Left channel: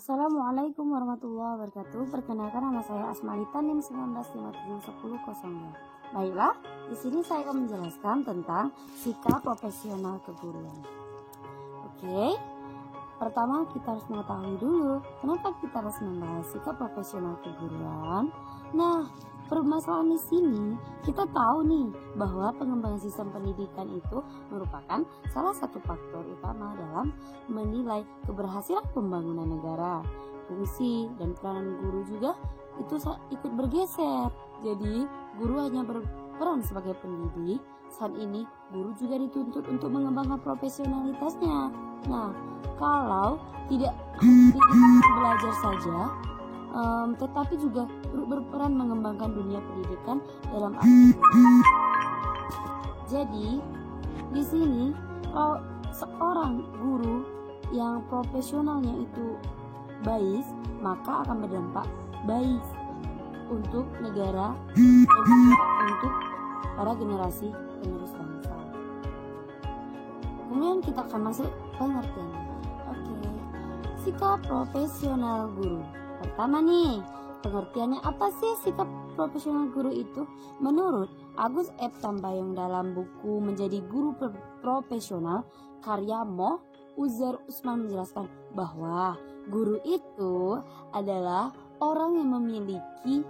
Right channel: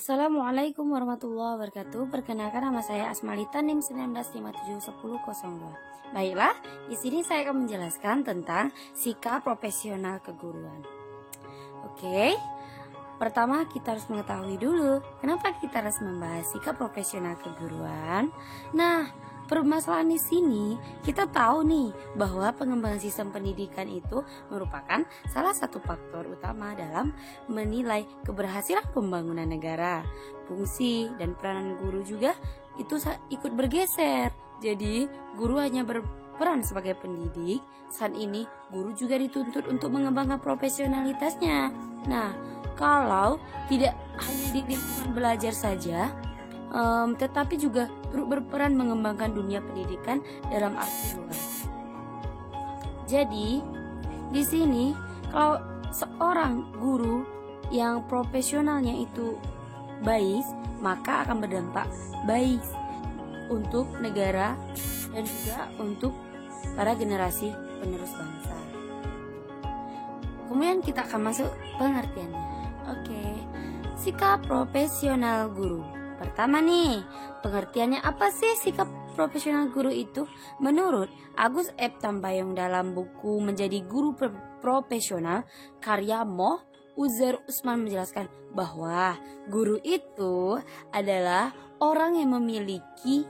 Assalamualaikum warahmatullahi wabarakatuh. Perkenalkan, nama saya Asmalita NIM 19571002. Baiklah, di sini saya akan menjelaskan tentang sikap profesional keguruan. Oke. Pertama, kita harus mengetahui dulu kenapa kita harus membahas sikap profesional keguruan. Nah, permasalahan di sini kita tahu nih bahwa pengembangan sistem pendidikan itu merupakan salah satu faktor utama dalam menilai keberhasilan pembangunan negara. Fungsi dan peranan guru juga itu ikut bergeser. Jadi, guru hanya berperan sebagai pendidik. Saat ini, guru juga dituntut untuk mengembangkan profesionalitasnya. Nah, kalau tidak belajar saja, tetapi juga berperan mengembangkan dunia pendidikan dalam arti. Jadi, di sini kalau seorang guru yang profesionalnya itu baik, maka akan berdampak baik untuk negara dan juga untuk para generasi penerus bangsa. Kemudian kita akan masuk pengertiannya. Oke, sikap profesional guru. Pertama nih, pengertiannya apa sih sikap profesional guru itu? Menurut Agus F. Tambayong dalam buku Menjadi Guru Profesional karya Moh Uzair Usman menjelaskan bahwa guru itu adalah orang yang memiliki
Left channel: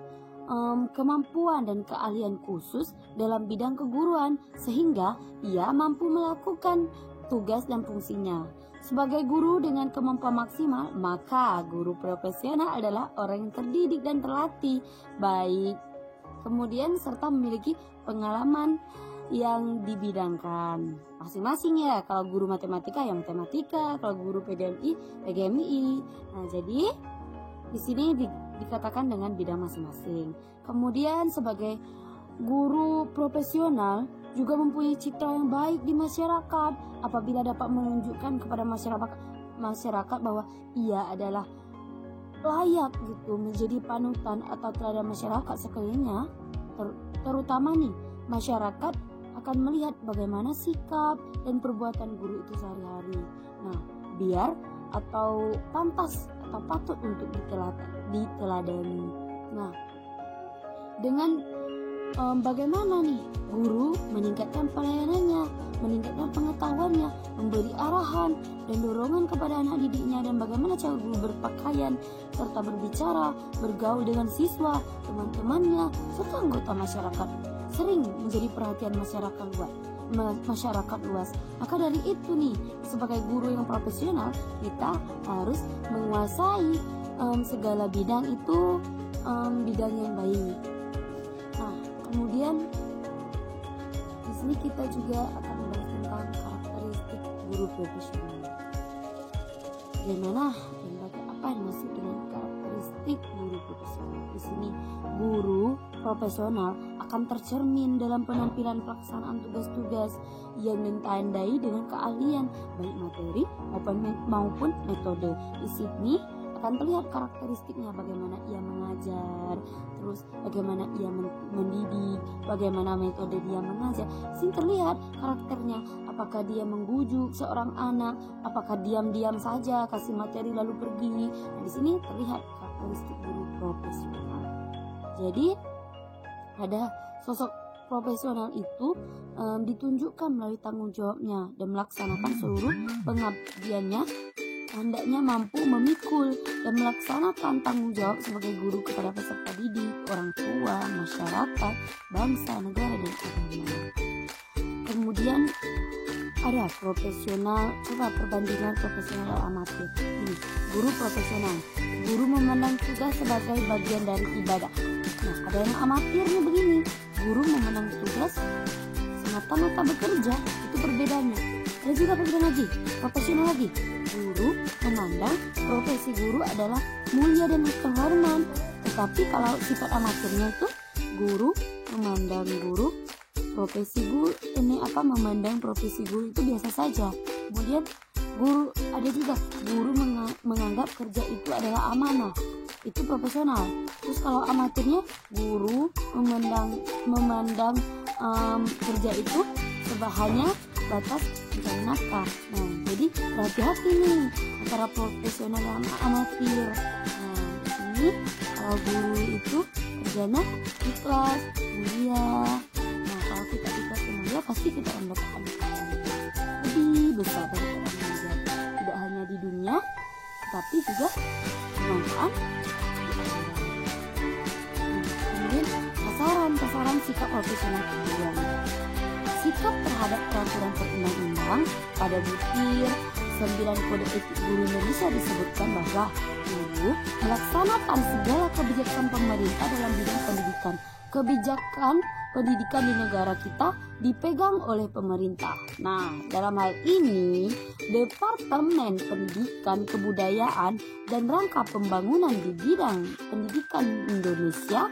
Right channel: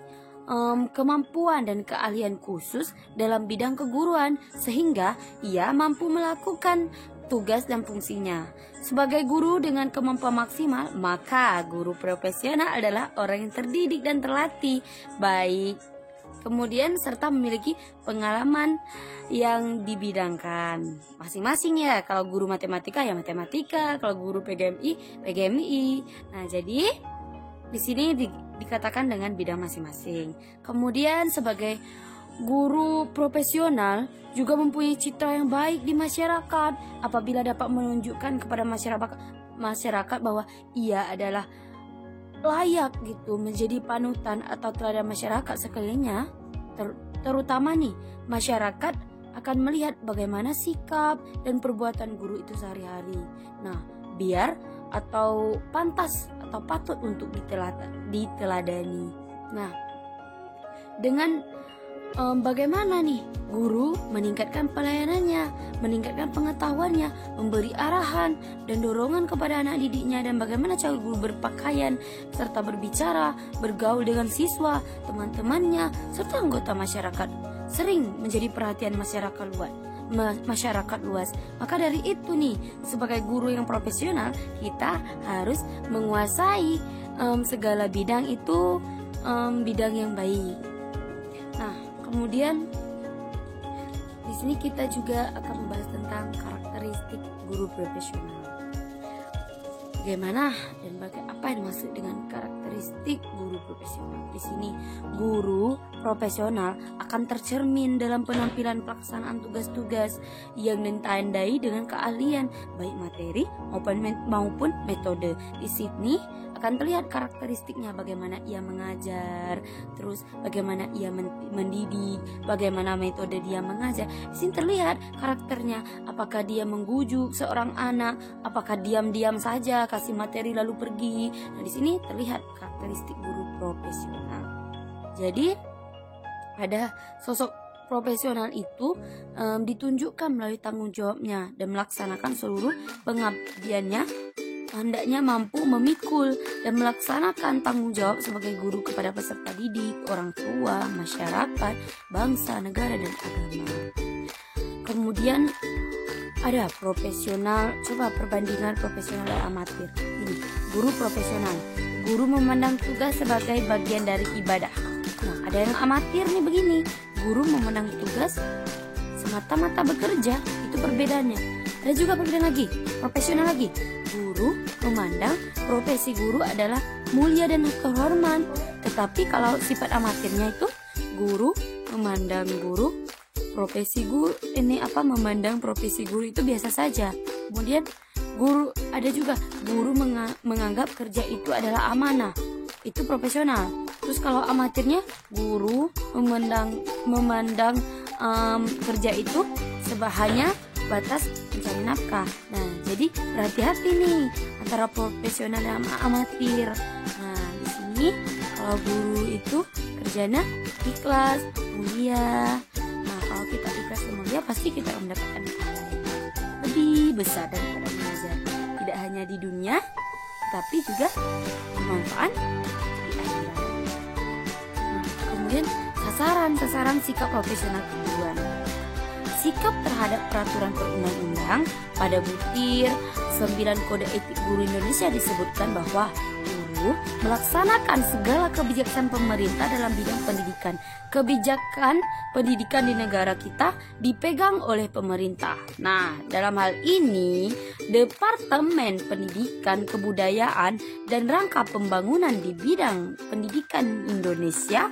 kemampuan dan keahlian khusus dalam bidang keguruan sehingga ia mampu melakukan tugas dan fungsinya. Sebagai guru dengan kemampuan maksimal, maka guru profesional adalah orang yang terdidik dan terlatih baik, kemudian serta memiliki pengalaman yang dibidangkan masing-masing ya. Kalau guru matematika ya matematika, kalau guru PGMI. Nah, jadi di sini dikatakan dengan bidang masing-masing. Kemudian sebagai guru profesional juga mempunyai citra yang baik di masyarakat apabila dapat menunjukkan kepada masyarakat bahwa ia adalah layak gitu menjadi panutan atau teladan masyarakat sekelilingnya. Terutama nih, masyarakat akan melihat bagaimana sikap dan perbuatan guru itu sehari-hari. Nah, biar atau pantas atau patut untuk diteladani. Nah, dengan bagaimana nih guru meningkatkan pelayanannya, meningkatkan pengetahuannya, memberi arahan dan dorongan kepada anak didiknya, dan bagaimana cara guru berpakaian serta berbicara, bergaul dengan siswa, teman-temannya, serta anggota masyarakat sering menjadi perhatian masyarakat luas. Maka dari itu nih, sebagai guru yang profesional, kita harus menguasai segala bidang itu, bidang yang baik. Nah, kemudian di sini kita juga akan membahas tentang karakteristik guru profesional. Bagaimana dan apa yang dimaksud dengan karakteristik guru profesional? Di sini guru profesional akan tercermin dalam penampilan pelaksanaan tugas-tugas yang ditandai dengan keahlian baik materi maupun metode. Di sini akan terlihat karakteristiknya, bagaimana ia mengajar, terus bagaimana ia mendidik, bagaimana metode dia mengajar. Di sini terlihat karakternya, apakah dia mengbujuk seorang anak, apakah diam-diam saja kasih materi lalu pergi. Nah, di sini terlihat karakteristik guru profesional. Jadi pada sosok profesional itu ditunjukkan melalui tanggung jawabnya dan melaksanakan seluruh pengabdiannya. Hendaknya mampu memikul dan melaksanakan tanggung jawab sebagai guru kepada peserta didik, orang tua, masyarakat, bangsa, negara, dan agama. Kemudian ada profesional. Coba perbandingan profesional dan amatir. Ini guru profesional. Guru memandang tugas sebagai bagian dari ibadah. Nah, ada yang amatir nih begini. Guru memandang tugas semata-mata bekerja. Itu perbedaannya. Ada juga perbedaan lagi, profesional lagi. Guru memandang profesi guru adalah mulia dan terhormat. Tetapi kalau sifat amatirnya itu, guru memandang profesi guru itu biasa saja. Kemudian guru ada juga guru menganggap kerja itu adalah amanah. Itu profesional. Terus kalau amatirnya, guru memandang kerja itu hanya batas mencari nafkah. Nah, Jadi berhati-hati nih antara profesional dan amatir. Nah, di sini kalau guru itu kerjanya ikhlas, mulia. Nah, kalau kita ikhlas dan mulia, pasti kita mendapatkan lebih besar daripada mengajar. Tidak hanya di dunia, tapi juga bermanfaat. Kemudian sasaran sikap profesional keguruan. Sikap terhadap peraturan perundang-undang pada butir 9 Kode Etik Guru Indonesia disebutkan bahwa guru melaksanakan segala kebijakan pemerintah dalam bidang pendidikan. Kebijakan pendidikan di negara kita dipegang oleh pemerintah. Nah, dalam hal ini Departemen Pendidikan, Kebudayaan, dan Rangka Pembangunan di bidang pendidikan Indonesia,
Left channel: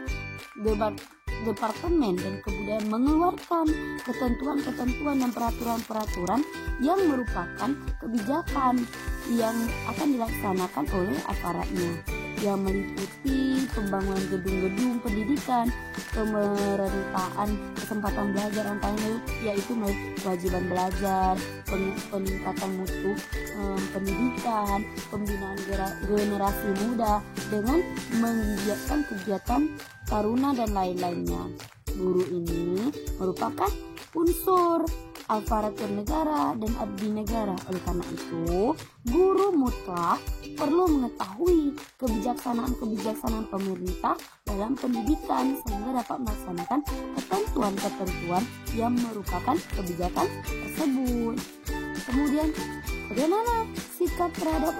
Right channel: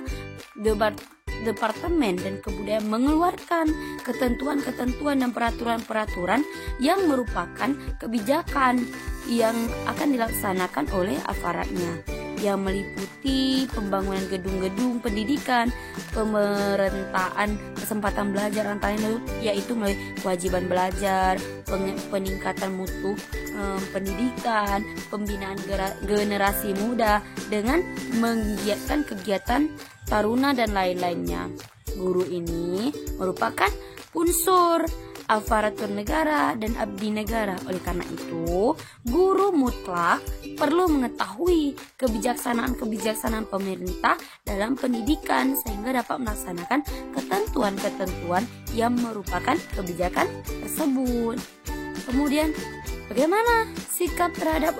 Departemen dan Kebudayaan mengeluarkan ketentuan-ketentuan dan peraturan-peraturan yang merupakan kebijakan yang akan dilaksanakan oleh aparatnya, yang meliputi pembangunan gedung-gedung pendidikan, pemerataan kesempatan belajar antaranya yaitu melalui kewajiban belajar, peningkatan mutu pendidikan, pembinaan generasi muda dengan menggiatkan kegiatan taruna dan lain-lainnya. Guru ini merupakan unsur aparatur negara dan abdi negara. Oleh karena itu, guru mutlak perlu mengetahui kebijaksanaan pemerintah dalam pendidikan sehingga dapat melaksanakan ketentuan-ketentuan yang merupakan kebijakan tersebut. Kemudian, bagaimana sikap terhadap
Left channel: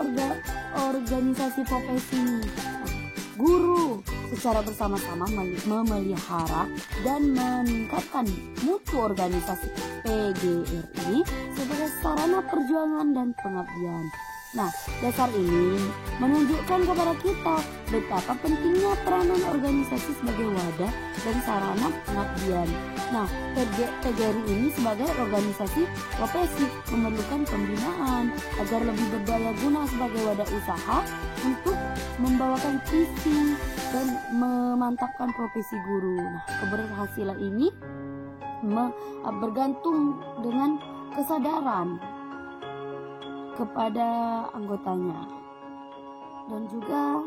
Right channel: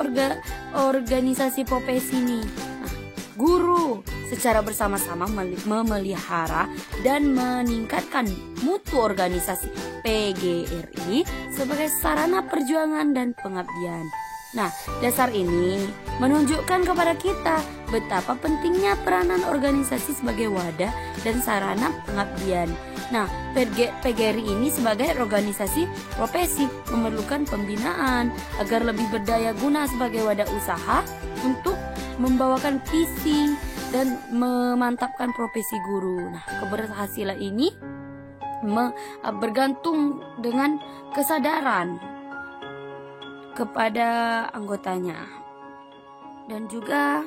organisasi profesi ini? Guru secara bersama-sama memelihara dan meningkatkan mutu organisasi PGRI sebagai sarana perjuangan dan pengabdian. Nah, dasar ini menunjukkan kepada kita betapa pentingnya peranan organisasi sebagai wadah dan sarana pengabdian. Nah, PGRI ini sebagai organisasi profesi memerlukan pembinaan agar lebih berdaya guna sebagai wadah usaha untuk membawakan visi dan memantapkan profesi guru. Nah, keberhasilan ini bergantung dengan kesadaran kepada anggotanya dan juga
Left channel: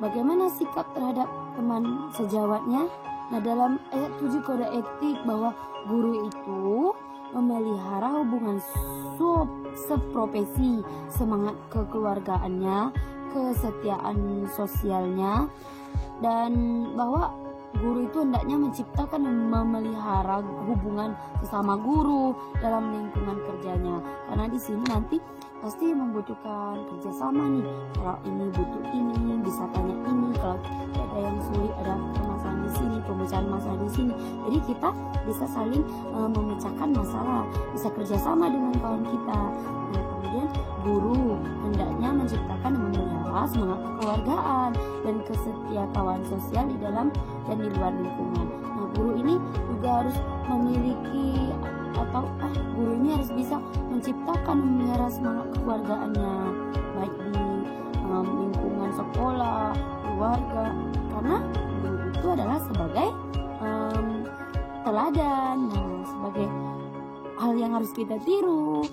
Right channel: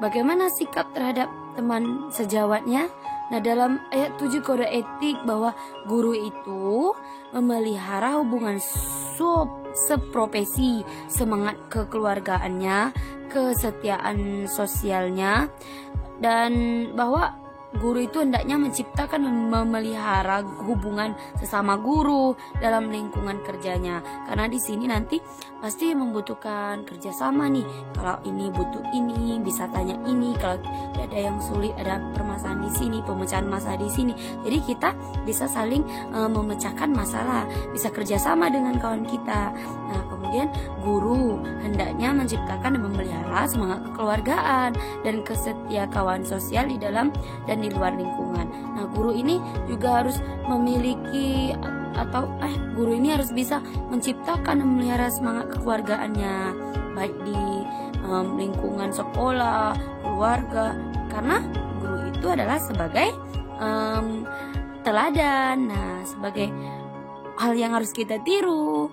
bagaimana sikap terhadap teman sejawatnya. Nah, dalam ayat 7 Kode Etik bahwa guru itu memelihara hubungan seprofesi, semangat kekeluargaannya, kesetiaan sosialnya, dan bahwa guru itu hendaknya menciptakan dan memelihara hubungan sesama guru dalam lingkungan kerjanya, karena di sini nanti pasti membutuhkan kerjasama nih. Kalau ini butuh ini, bisa tanya ini. Kalau ada yang sulit, ada permasalahan di sini, pemecahan masalah di sini. Jadi kita bisa saling memecahkan masalah, bisa kerjasama dengan kawan kita. Nah, kemudian guru hendaknya menciptakan dan memelihara semangat kekeluargaan dan kesetiakawan sosial di dalam dan di luar lingkungan. Nah, guru ini juga harus memiliki guru ini harus bisa menciptakan dan memelihara semangat kekeluargaannya baik di lingkungan sekolah, keluarga, karena guru itu adalah sebagai teladan, sebagai hal yang harus kita tiru.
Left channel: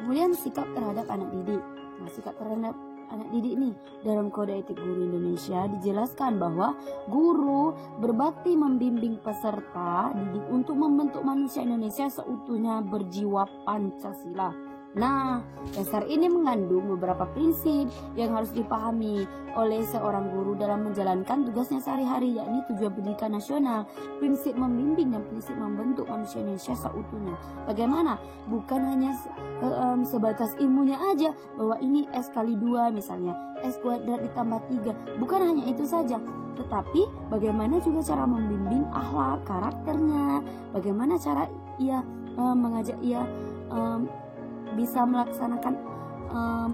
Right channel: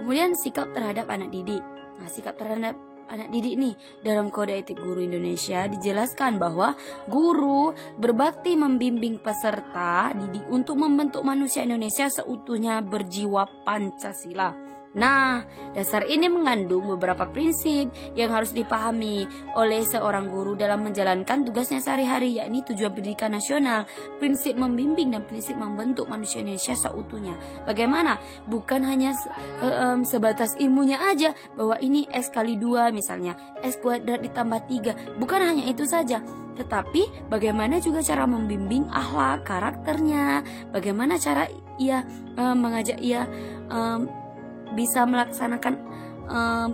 Kemudian sikap terhadap anak didik. Nah, sikap terhadap anak didik nih dalam Kode Etik Guru Indonesia dijelaskan bahwa guru berbakti membimbing peserta didik untuk membentuk manusia Indonesia seutuhnya berjiwa Pancasila. Nah, dasar ini mengandung beberapa prinsip yang harus dipahami oleh seorang guru dalam menjalankan tugasnya sehari-hari, yakni tujuan pendidikan nasional, prinsip membimbing dan prinsip membentuk manusia Indonesia seutuhnya. Bagaimana? Bukan hanya sebatas ilmunya aja, bahwa ini X kali 2 misalnya, X kuadrat ditambah 3. Bukan hanya itu saja, tetapi bagaimana juga cara membimbing akhlak, karakternya, bagaimana cara ia mengajak ia bisa melaksanakan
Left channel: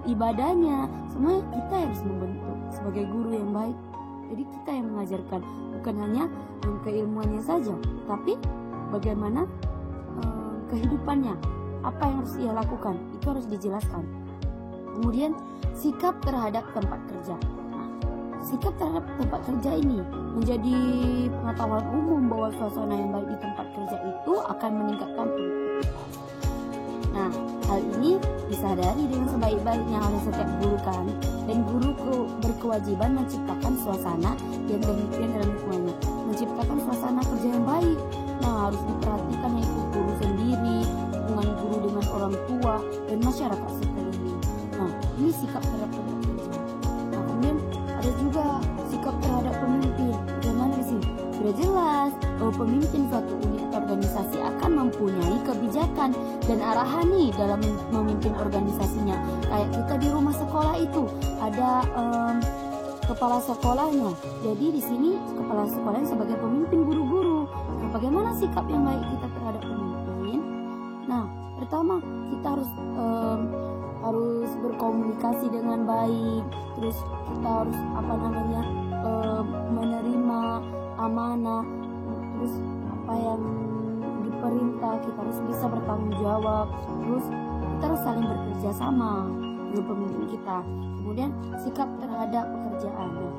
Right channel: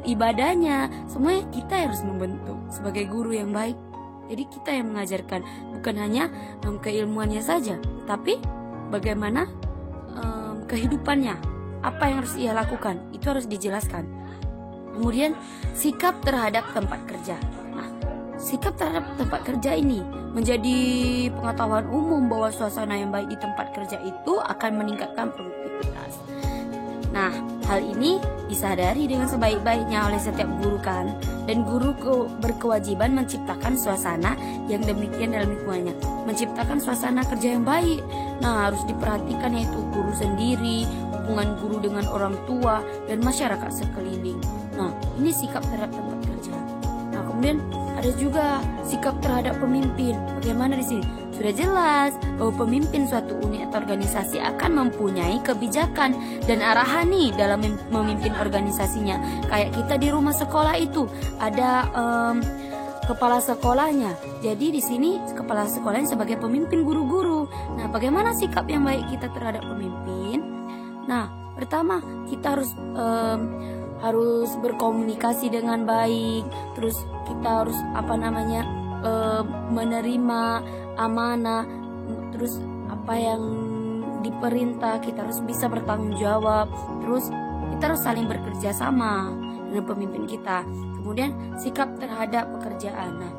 ibadahnya. Semuanya kita harus membentuk sebagai guru yang baik. Jadi kita yang mengajarkan, bukan hanya keilmuannya saja, tapi bagaimana kehidupannya, apa yang harus ia lakukan, itu harus dijelaskan. Kemudian sikap terhadap tempat kerja. Nah, sikap terhadap tempat kerja ini menjadi pengetahuan umum bahwa suasana yang baik di tempat kerja itu akan meningkatkan produktivitas. Nah, hal ini disadari dengan sebaik-baiknya oleh setiap guru kan. Dan guru berkewajiban menciptakan suasana yang demikian dalam lingkungannya, menciptakan suasana kerja yang baik. Nah, harus diperhatikan yaitu guru sendiri, hubungan guru dengan orang tua dan masyarakat sekeliling. Nah, ini sikap terhadap tempat kerja. Nah, kemudian ada juga sikap terhadap pemimpin. Bagaimana di sini? Sudah jelas bahwa pemimpin suatu unit atau organisasi akan mempunyai kebijakan dan arahan nih dalam memimpin organisasinya. Kayak kita di rumah sekolah itu ada kepala sekolahnya. Jadi di sini kepala sekolahnya sebagai pemimpin guru-guru. Nah, bagaimana sikap yang baik kita terhadap pemimpin? Nah, pertama kita harus berkomunikasi dengan baik. Terus kita harus menerima amanah. Terus apa yang diperintah kita harus bisa bertanggung jawab. Terus kita harus saling bekerja sama dengan pemimpin kita. Kemudian sikap terhadap pekerjaan. Nah,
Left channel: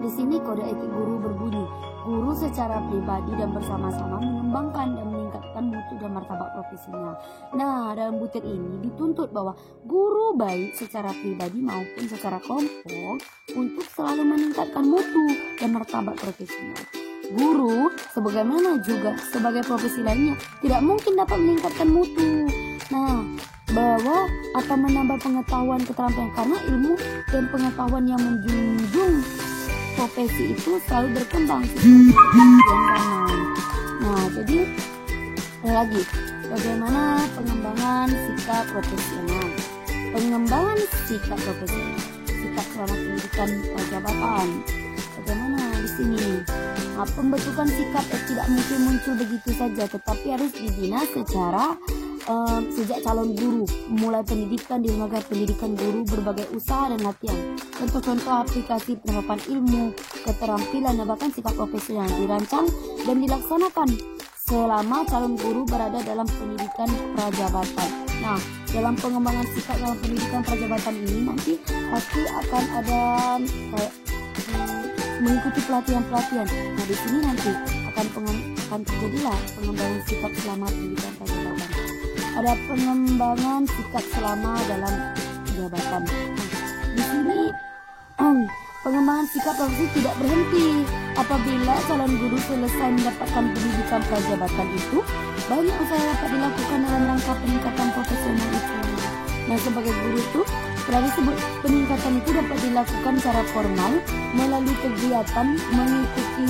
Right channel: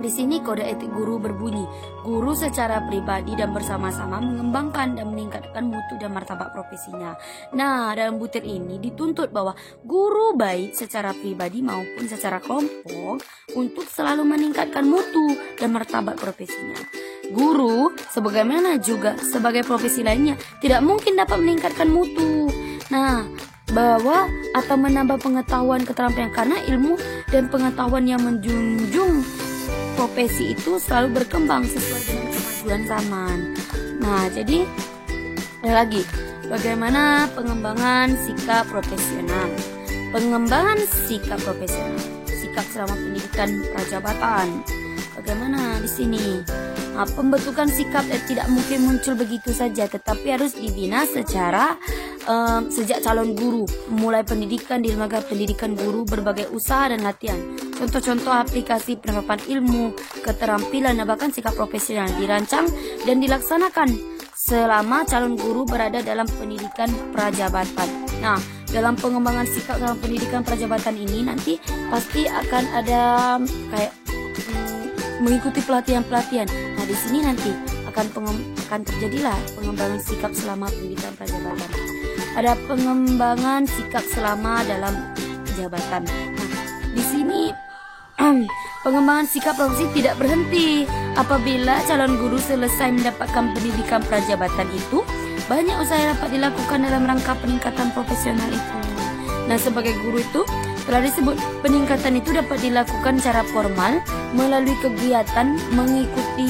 di sini kode etik guru berbunyi, guru secara pribadi dan bersama-sama mengembangkan dan meningkatkan mutu dan martabat profesinya. Nah, dalam butir ini dituntut bahwa guru baik secara pribadi maupun secara kelompok untuk selalu meningkatkan mutu dan martabat profesinya. Guru, sebagaimana juga sebagai profesi lainnya, tidak mungkin dapat meningkatkan mutu. Nah, bahwa atau menambah pengetahuan keterampilan, karena ilmu dan pengetahuan yang menjunjung profesi itu selalu berkembang sesuai dengan zaman. Nah, jadi ada lagi bagaimana pengembangan sikap profesional. Pengembangan sikap profesional, sikap selama pendidikan prajabatan. Bagaimana di sini? Nah, pembentukan sikap tidak mungkin muncul begitu saja, tetapi harus dibina secara sejak calon guru, mulai pendidikan di lembaga pendidikan guru, berbagai usaha dan latihan. Contoh-contoh aplikasi penerapan ilmu, keterampilan dan bahkan sikap profesional dirancang dan dilaksanakan selama calon guru berada dalam pendidikan prajabatan. Nah, dalam pengembangan sikap dalam pendidikan prajabatan ini nanti pasti akan ada kayak mengikuti pelatihan-pelatihan. Nah, di sini nanti akan terjadilah pengembangan sikap selama pendidikan prajabatan. Ada pengembangan sikap selama dalam jabatan. Nah, di sini pengembangan sikap profesi tidak berhenti. Apabila calon guru selesai mendapatkan pendidikan prajabatan itu, banyak usaha yang dapat dilakukan dalam rangka peningkatan profesional itu. Nah, sebagai guru itu telah disebut peningkatan itu dapat dilakukan secara formal melalui kegiatan mengikuti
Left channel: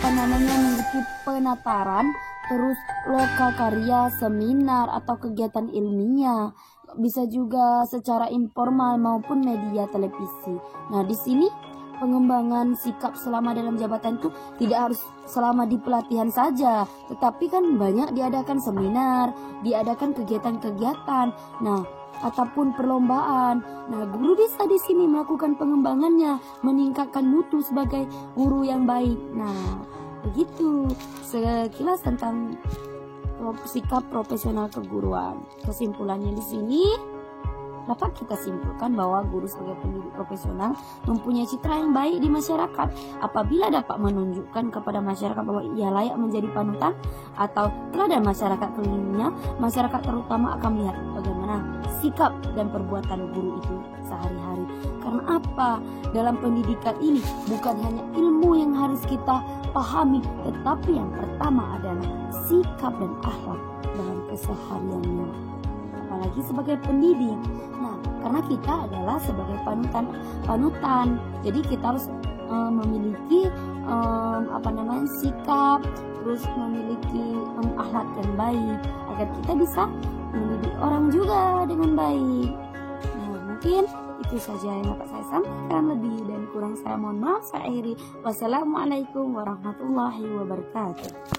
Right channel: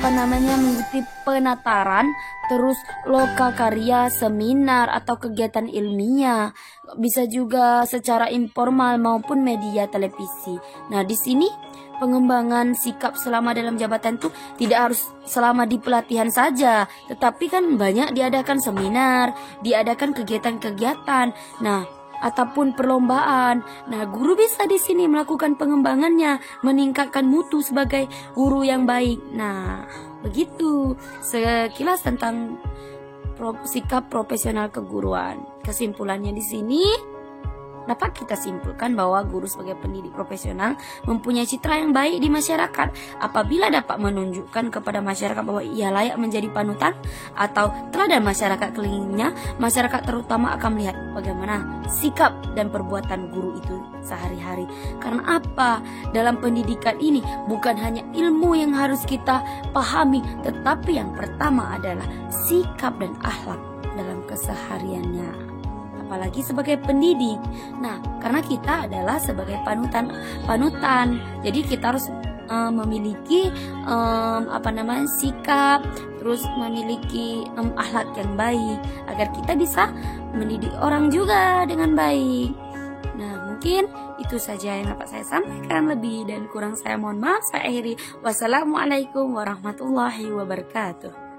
mengikuti penataran, terus loka karya, seminar atau kegiatan ilmiah. Bisa juga secara informal maupun media televisi. Nah, di sini pengembangan sikap selama dalam jabatan itu tidak harus selama di pelatihan saja, tetapi kan banyak diadakan seminar, diadakan kegiatan-kegiatan. Nah, ataupun perlombaan. Nah, guru bisa di sini melakukan pengembangannya, meningkatkan mutu sebagai guru yang baik. Nah, begitu sekilas tentang sikap profesional keguruan. Kesimpulannya di sini dapat kita simpulkan bahwa guru sebagai pendidik profesional mempunyai citra yang baik di masyarakat apabila dapat menunjukkan kepada masyarakat bahwa ia layak menjadi panutan atau teladan masyarakat kelilingnya. Masyarakat terutama akan melihat bagaimana sikap dan perbuatan guru itu sehari-hari. Karena apa? Dalam pendidikan ini bukan hanya ilmu yang harus kita pahami, tetapi yang pertama adalah sikap dan akhlak dalam kesehariannya. Apalagi sebagai pendidik. Nah, karena kita adalah sebagai panutan. Jadi kita harus memiliki sikap, terus memiliki akhlak yang baik agar kita bisa mendidik orang juga dengan baik. Nah, mungkin itu saja yang dapat saya sampaikan. Lebih dan kurang saya mohon maaf. Saya akhiri. Wassalamualaikum warahmatullahi wabarakatuh.